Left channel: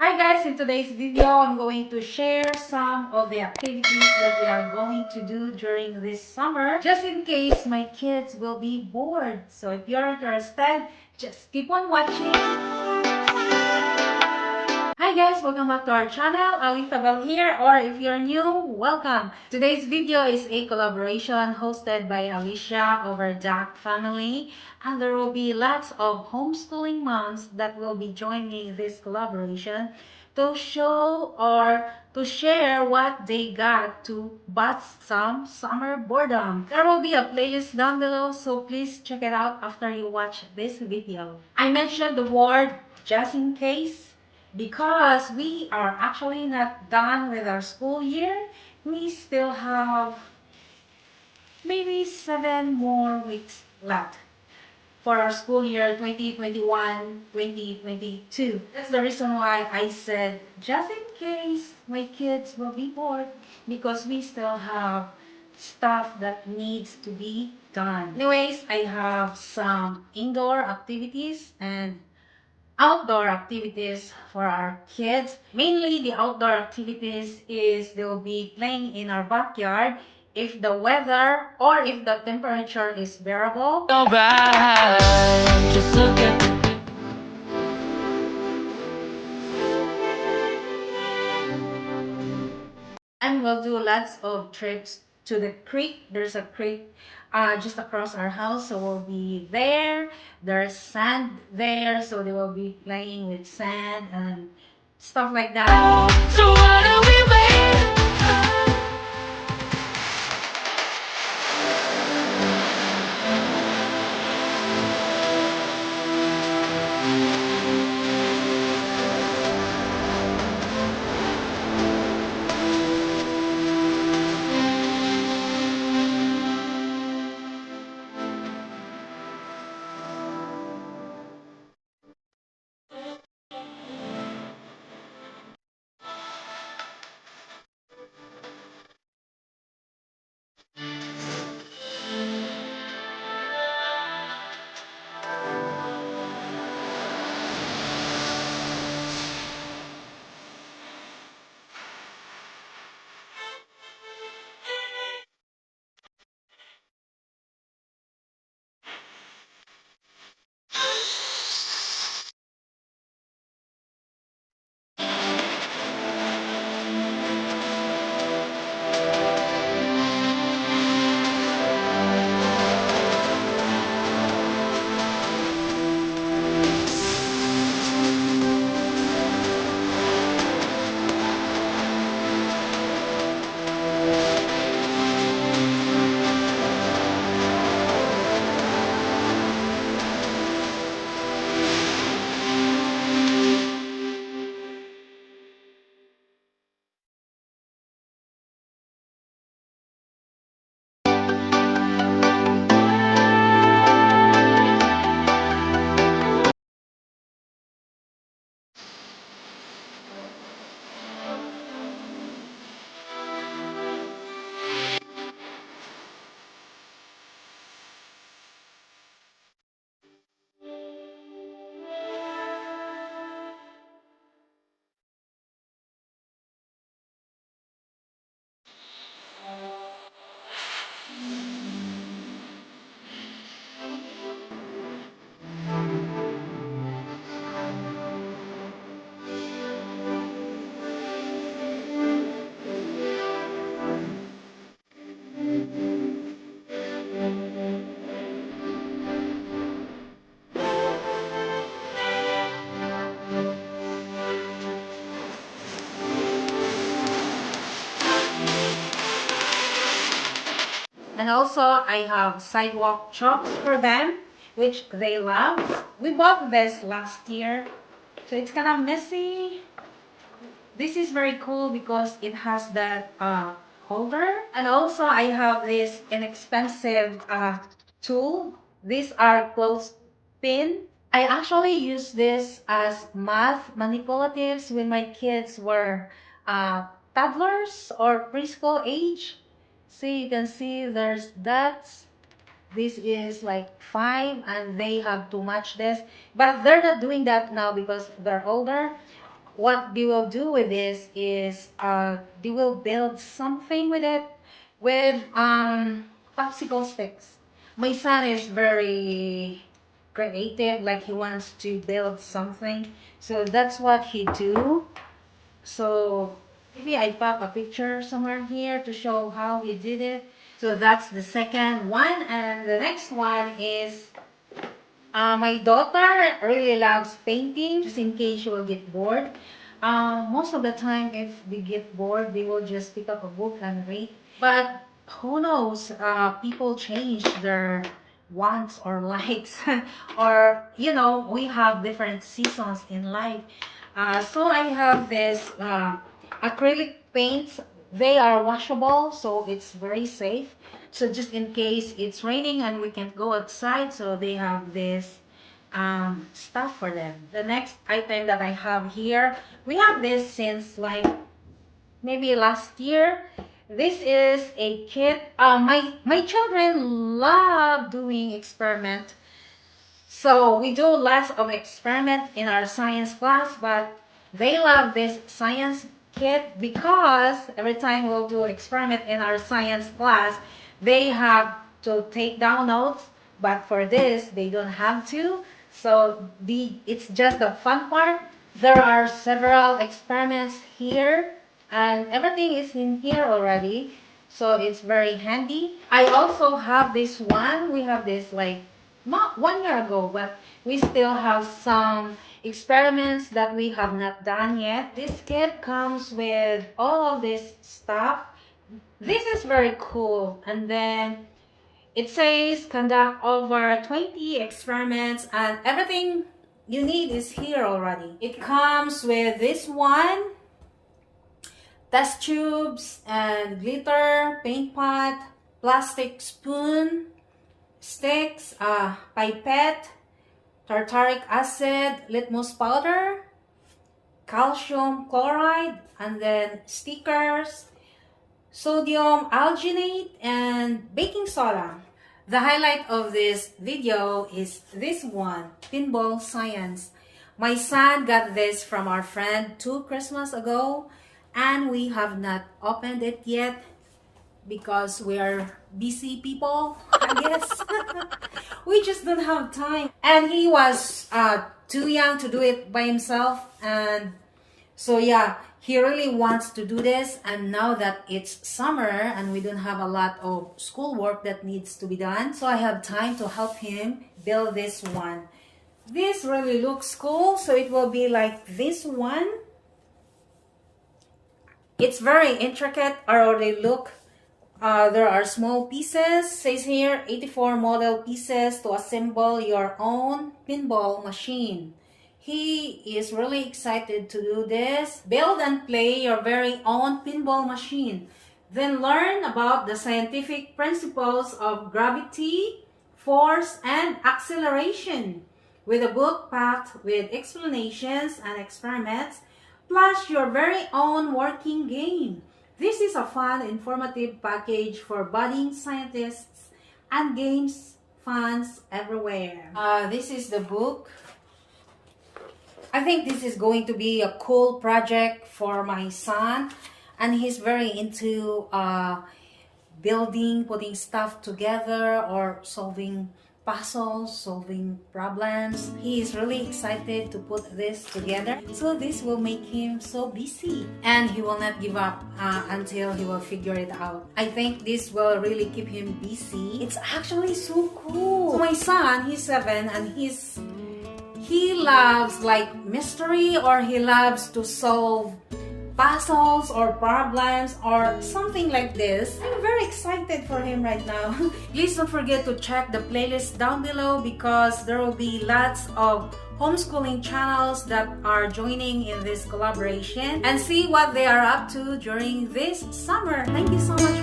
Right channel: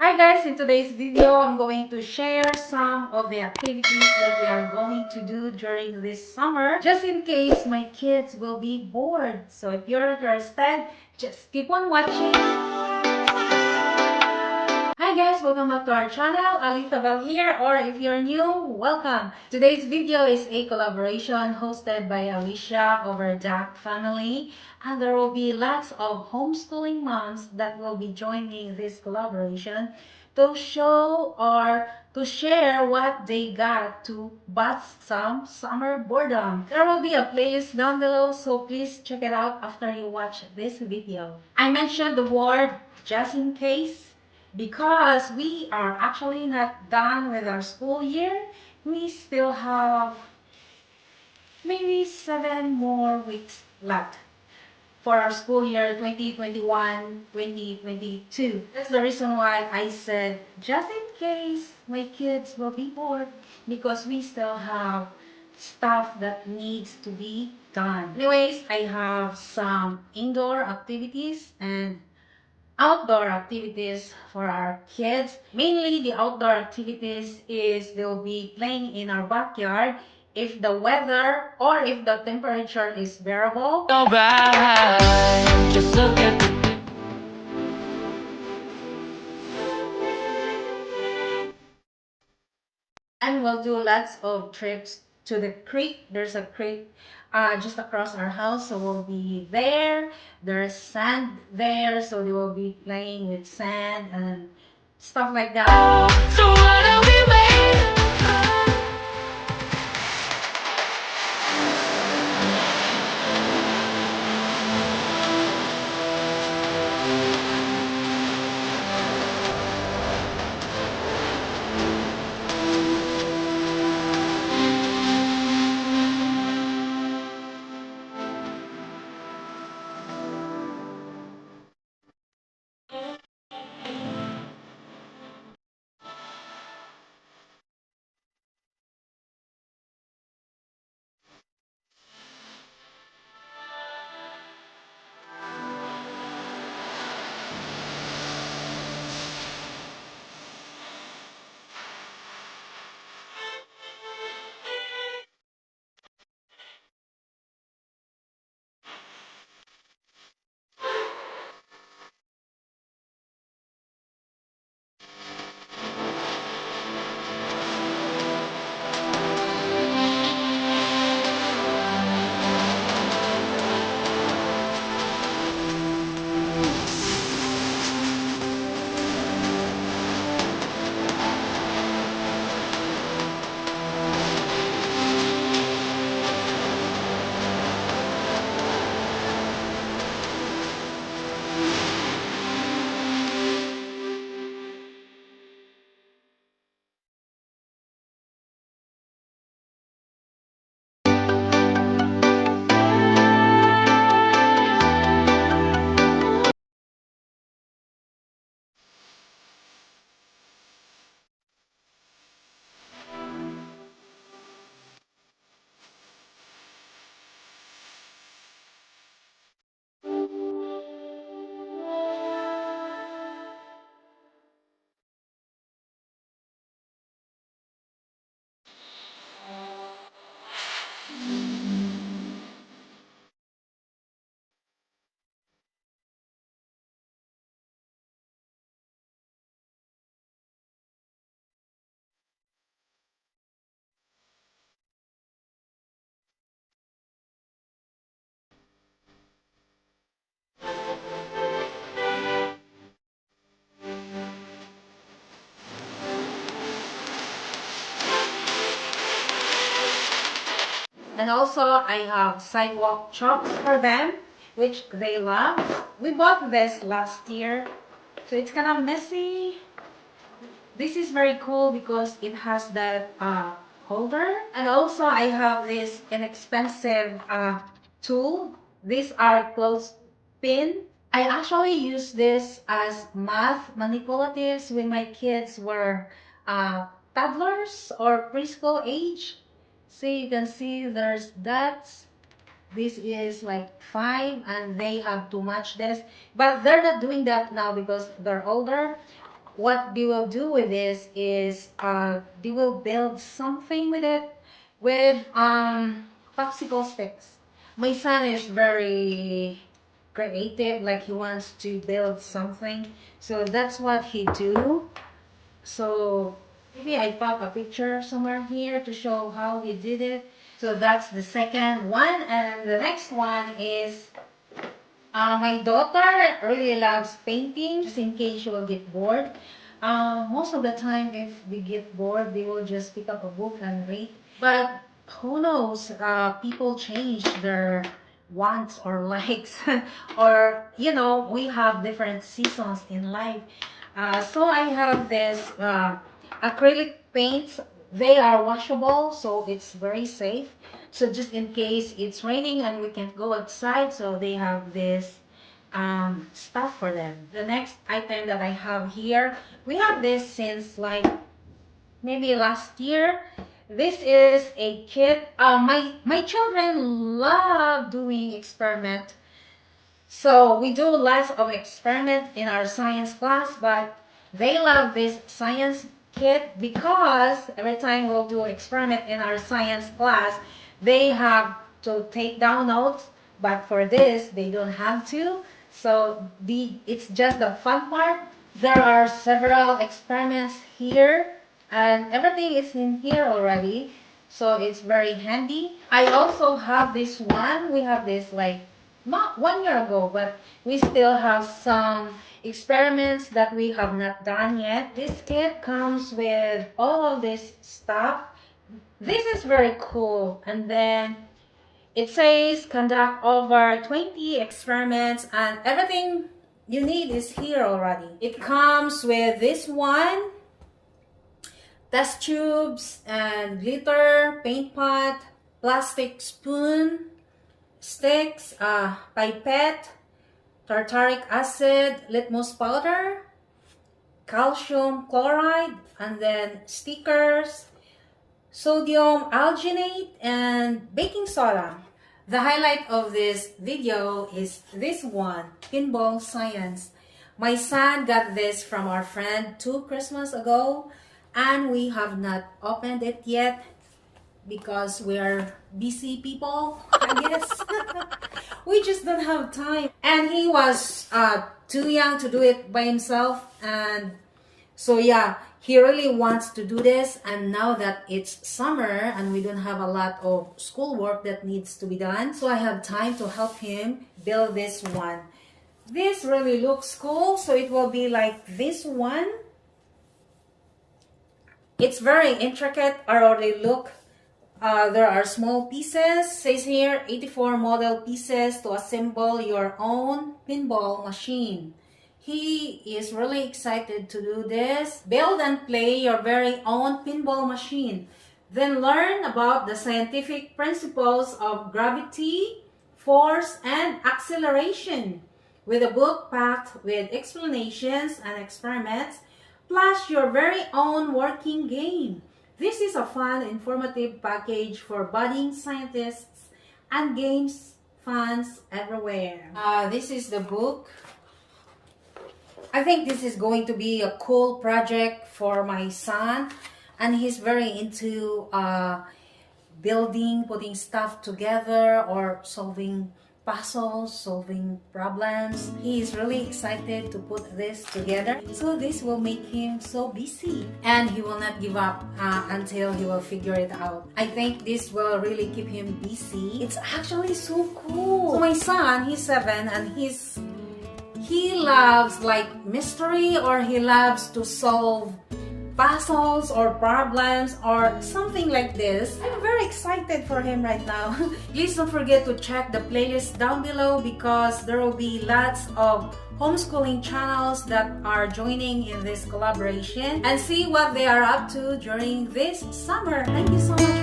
Hi guys, in today's video, I'm going to share some of the activities that we are going to do during this summer, just in case my kids will be bored. So if you're interested, just keep on watching. Hi guys, welcome back to our channel. Alita Bell here, or if you're new, welcome. Today's video is a collaboration hosted by Alicia over Duck Family, and there will be lots of homeschooling moms that will be joining this collaboration to show or to share what they got to bust some summer boredom. There will be a playlist down below, so please check it out after you watch this video. I mentioned the word just in case because we are actually not done with our school year. We still have maybe 7 more weeks left for our school year 2021-2022. That's the reason why I said just in case my kids will be bored, because we still have stuff that needs to be done. Anyways, I have some indoor activities and outdoor activities for our kids. Mainly the outdoor activities is they'll be playing in our backyard if the weather or if the temperature is bearable. Alright, just look at the and we'll do lots of trips to the creek. There's a creek just across our house, so we'll be there. There's sand there, so they will be playing with sand and stuff like that. So what are we waiting for? And also, I have sidewalk chalk for them, which they love. We bought this last year, so it's kind of messy. This is very cool because it has that holder. And also, I have this inexpensive tool. These are clothespin. I actually use this as math manipulatives when my kids were toddlers or preschool age. See, you can see there's dots This is like 5 and they have too much this. But they're not doing that now because they're older. What they will do with this is they will build something with it with popsicle sticks. My son is very creative, like he wants to build something. So that's what he do. So maybe I pop a picture somewhere here to show how he did it. So that's the second one, and the next one is my daughter really loves painting, just in case she will get bored. Most of the time, if they get bored, they will just pick up a book and read. But who knows? People change their wants or likes, or we have different seasons in life. So I have this acrylic paints. They are washable, so it's very safe. So just in case it's raining and we can't go outside, so they have this stuff for them. The next item that I have here, we have this since like maybe last year. This is a kit. My children love doing experiment. So we do lots of experiment in our science class, but they love this science kit because every time we'll do experiment in our science class, they have to take down notes, but for this, they don't have to. So it's just the fun part. There are several experiments here, and everything is in here already. So it's very handy. I also have this one. We have this like not 1 year ago, but we still have some experiments that we have not done yet. This kit comes with all of this stuff. This is very cool. And then it says conduct over 20 experiments, and everything you need is here already. It comes with this one, test tubes and glitter, paint pot, plastic spoon, sticks, pipette, tartaric acid, litmus powder, calcium chloride, and then stickers, sodium alginate, and baking soda. The highlight of this video is this one, Pinball Science. My son got this from our friend 2 Christmas ago, and we have not opened it yet because we are busy people, I guess. We just don't have time. And he was too young to do it by himself. And so yeah, he really wants to do this. And now that it's summer and we don't have a lot of schoolwork that needs to be done, so I have time to help him build this one. This really looks cool. So it will be like this one. It's very intricate. I already look. There are small pieces. Says here 84 model pieces to assemble your own pinball machine. He is really excited to do this. Build and play your very own pinball machine. Then learn about the scientific principles of gravity, force, and acceleration with a book packed with explanations and experiments, plus your very own working game. This is a fun, informative package for budding scientists and games fans everywhere. This is the book. I think this is going to be a cool project for my son, and he's very into building, putting stuff together, or solving puzzles, solving problems. He is really excited to put this together. So this will make him so busy, and he will not give up until he will figure it out. I think this will really keep him busy. It's actually so cool. My son, he's 7, and he loves like mystery, or he loves to solve puzzles or problems or something like this. I'm very excited for him right now. Please don't forget to check the playlist down below because there will be lots of homeschooling channels that are joining in this collaboration, and see what they are up to during this summer. Thank you so much